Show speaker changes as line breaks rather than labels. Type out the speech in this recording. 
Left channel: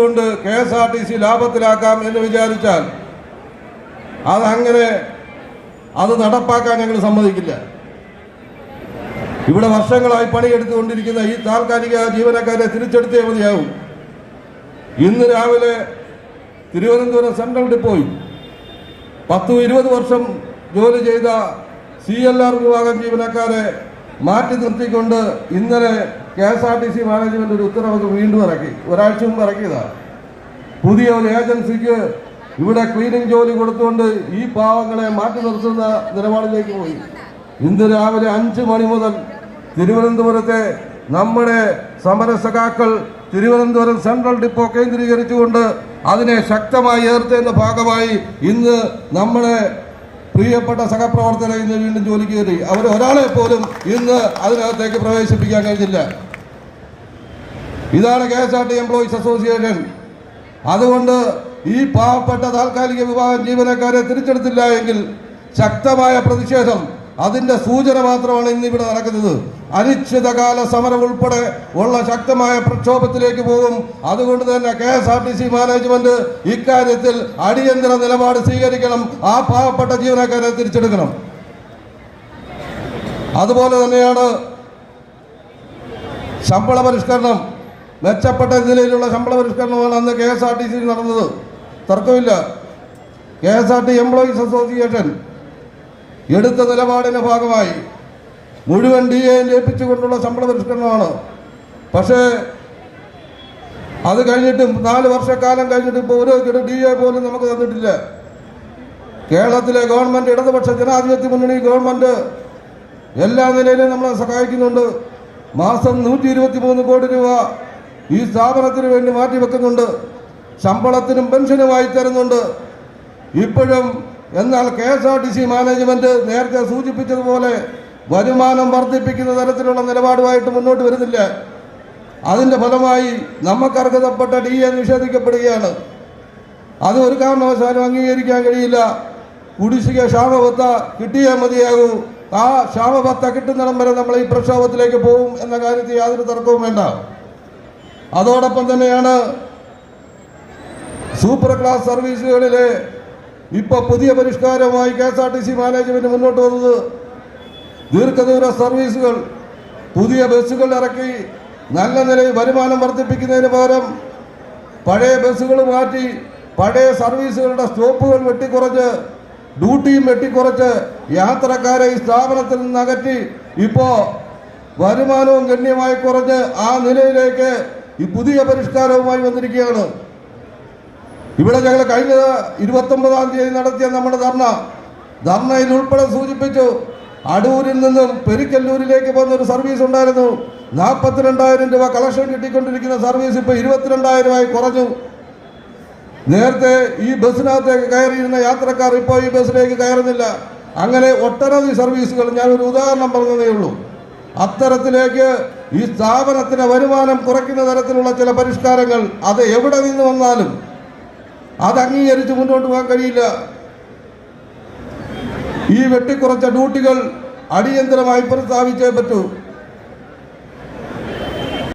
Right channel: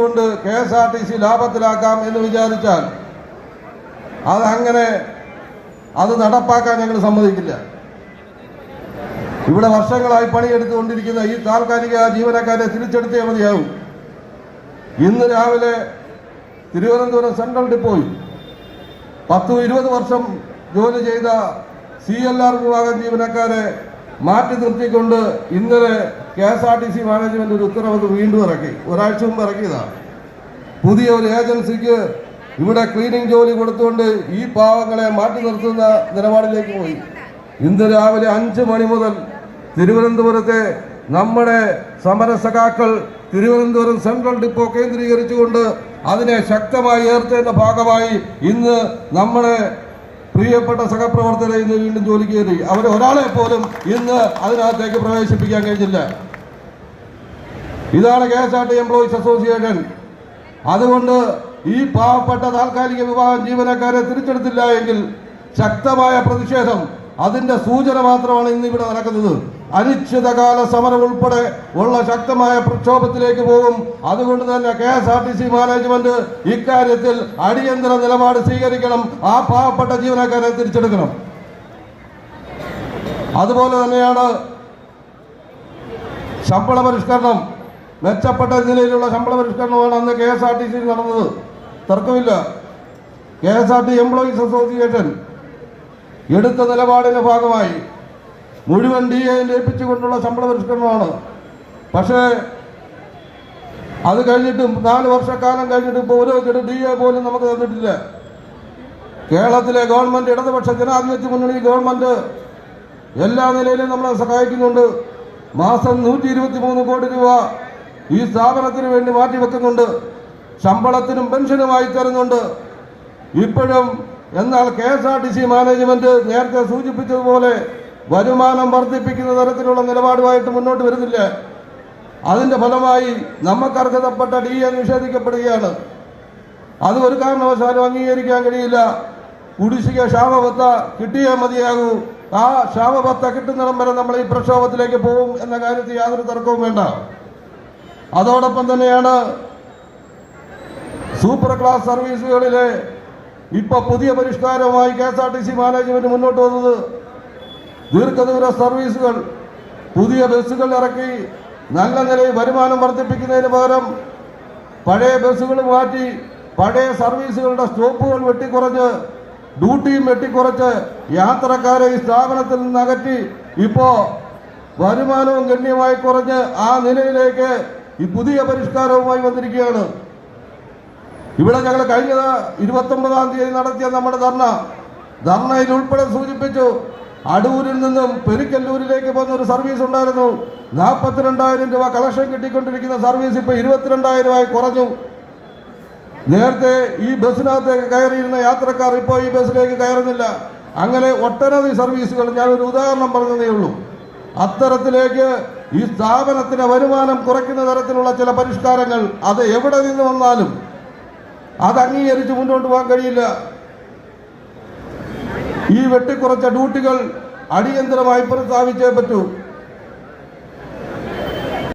കൊണ്ട് K S R T C ലാഭത്തിലാക്കാം എന്ന് വിചാരിച്ചാൽ അതങ്ങനെ അത് നടപ്പാക്കാൻ ഞങ്ങൾ സമ്മതിക്കില്ല. ഇവിടെ വർഷങ്ങളായി പണിയെടുത്തുകൊണ്ടിരിക്കുന്ന ഈ താൽക്കാലിക ജീവനക്കാരെ തിരിച്ചെടുത്തേ മതിയാവും. ഇന്ന് രാവിലെ തിരുവനന്തപുരം സെൻട്രൽ ഡിപ്പോയിൽ പത്തും ഇരുപത് വർഷം ജോലി ചെയ്ത സി എൽ ആർ വിഭാഗം ജീവനക്കാരെ മാറ്റി നിർത്തിക്കൊണ്ട് ഇന്നലെ K S R T C management ഒരു ഉത്തരവ് വീണ്ടും ഇറക്കി. ഒരാഴ്ച മുമ്പ് ഇറക്കിയതാണ് പുതിയ ഒരു ഏജൻസിക്ക് ഇവിടെ ക്ലീനിങ് ജോലി കൊടുത്തുകൊണ്ട് ഈ പാവങ്ങളെ മാറ്റി നിർത്തുന്ന നിലപാടിലേക്ക് പോയി. ഇന്ന് രാവിലെ അഞ്ച് മണി മുതൽ തിരുവനന്തപുരത്തെ നമ്മുടെ സമരസഖാക്കൾ തിരുവനന്തപുരം സെൻട്രൽ ഡിപ്പോ കേന്ദ്രീകരിച്ചുകൊണ്ട് അതിനെ ശക്തമായി എതിർത്തതിന്റെ ഭാഗമായി ഇന്ന് നമ്മുടെ പ്രിയപ്പെട്ട സഹപ്രവർത്തകരെ ഇന്ന് വീണ്ടും ജോലിക്ക് കയറി. അവർ ഒരാളെ പോലും ഇന്ന് അതിനകത്തേക്ക് പ്രവേശിപ്പിക്കാൻ കഴിഞ്ഞില്ല. ഇതാണ് K S R T employees association അതുകൊണ്ട് ഈ പാവപ്പെട്ട താൽക്കാലിക വിഭാഗം ജീവനക്കാരെ തിരിച്ചെടുത്തില്ല എങ്കിൽ ശക്തമായ പ്രതിഷേധം അതിന്റെ സൂചന മാത്രമാണ് ഇന്ന് ഇവിടെ നടക്കുന്നത്. അനിശ്ചിതകാല സമരം ഉൾപ്പെടെ ഉള്ള ശക്തമായ പ്രക്ഷോഭത്തിലേക്ക് പോകും. അതുകൊണ്ട് തന്നെ K S R T C management ഇക്കാര്യത്തിൽ അടിയന്തര നിലപാട് സ്വീകരിക്കണം. ആ പാവപ്പെട്ട ജീവനക്കാരെ തിരിച്ചെടുക്കണം. അതുപോലെ തന്നെയാണ് ശമ്പള പരിഷ്കരണം. മെച്ചപ്പെട്ട നിലയിലുള്ള ശമ്പള പരിഷ്കരണമാണ് അന്ന് K S R T C നടന്നത്. തർക്കമില്ല. K S R T employees association എടുത്ത നിലപാടിന്റെ ഭാഗമായി മുഴുവൻ ഡി എ ലയിപ്പിച്ചുകൊണ്ടുള്ള ശമ്പള പരിഷ്കരണമാണ്. പക്ഷേ അത് കഴിഞ്ഞിട്ടും നാല് വർഷക്കാലം കഴിഞ്ഞിട്ട് ഇപ്പോൾ ഒരു ഡി എ പോലും നമുക്ക് തന്നിട്ടില്ല. കേരളത്തിലെ ഗവൺമെന്റ് ഇടതുപക്ഷ ജനാധിപത്യ മുന്നണി ഗവൺമെന്റ് എല്ലാ നിലയിലും നമ്മളെ സഹായിക്കുന്നുണ്ട്. മാസം നൂറ്റി ഇരുപത്തി മൂന്ന് കോടി രൂപ ഈ സ്ഥാപനത്തിന് വേണ്ടി മാറ്റിവെക്കുന്നുണ്ട്. ശമ്പളത്തിനും പെൻഷനുമായി തരുന്നുണ്ട്. ഇപ്പോഴും എന്നാൽ K S R T C management നേരത്തെ സൂചിപ്പിച്ചതുപോലെ വരുമാനം വർദ്ധിപ്പിക്കുന്ന തരത്തിലുള്ള നിലപാടുമായിട്ട് മുന്നോട്ട് വരുന്നില്ല. അതിന്റെ ഫലമായി നമുക്ക് അർഹതപ്പെട്ട ഡി എ നിഷേധിക്കപ്പെടുകയാണ്. അത് ഒരു കാരണവശാലും അംഗീകരിക്കാൻ കഴിയില്ല. കുടിശ്ശിക ക്ഷാമബത്ത കിട്ടിയേ മതിയാകൂ. ആ ക്ഷാമബത്ത കിട്ടുന്നിടം വരെ നമ്മൾ ഈ പ്രക്ഷോഭത്തിലേക്ക് പോകും എന്ന കാര്യത്തിൽ യാതൊരു തർക്കവും വേണ്ട. അതോടൊപ്പം തന്നെയാണ് സൂപ്പർ ക്ലാസ് സർവീസുകളിലെ ഇപ്പൊ പുതിയ പരിഷ്കാരമായി K S R T C management മുന്നോട്ട് വന്നത്. ദീർഘദൂര സർവീസുകൾ പുതിയ ബസ്സുകൾ ഇറക്കി നല്ല നിലയിൽ വരുമാനം വർദ്ധിപ്പിക്കുന്നതിന് പകരം പഴയ ബസ്സുകൾ മാറ്റി പഴയ സർവീസുകളുടെ സ്റ്റോപ്പുകൾ വെട്ടിക്കുറച്ച് ഡ്യൂട്ടിയും വെട്ടിക്കുറച്ച് യാത്രക്കാരെ ഈ സ്ഥാപനത്തിൽ നിന്ന് അകറ്റി. ഇപ്പോ വരുമാനവും ഗണ്യമായി കുറഞ്ഞ് ആ നിലയിലേക്ക് ഈ പുതിയ പരിഷ്കാരവുമായി വന്നിരിക്കുകയാണ്. ഇവിടെ ഞങ്ങൾ കഴിഞ്ഞ ഇരുപത്തൊമ്പതാം തീയതി നടത്തിയ നമ്മുടെ ധർണ. ധർണയിൽ ഉൾപ്പെടെ സൂചിപ്പിച്ചു അടൂരിൽ നിന്നും പെരിക്കല്ലൂരിലേക്ക് പോകുന്ന ഒരു സർവീസ് ഉണ്ടായിരുന്നു. നാൽപ്പത്തിരണ്ടായിരം രൂപ കളക്ഷൻ കിട്ടിക്കൊണ്ടിരിക്കുന്ന സർവീസ് ഇപ്പൊ ഇരുപത്തിരണ്ടായിരമായി കുറഞ്ഞു. നേരത്തെ ഈ ബസ്സിനകത്തേക്ക് കയറിയിരുന്ന യാത്രക്കാർ ഇപ്പോൾ ഈ ബസ്സിലേക്ക് കയറുന്നില്ല. അങ്ങനെ ഒട്ടനവധി സർവീസുകൾ ഞാൻ ഒരു ഉദാഹരണം പറഞ്ഞതേ ഉള്ളൂ. അത്തരത്തിലേക്ക് ഈ സ്ഥാപനത്തിന് വരുമാനം കുറയ്ക്കുന്ന തരത്തിലുള്ള ചില പരിഷ്കാരങ്ങൾ അത് എവിടെ നിന്ന് വന്നാലും അത് അംഗീകരിച്ച് മുന്നോട്ട് പോകാൻ കഴിയില്ല. ഈ വെട്ടിക്കുറച്ച ഡ്യൂട്ടികൾ അടിയന്തരമായി പ്രസ്താവിച്ചേ പറ്റൂ.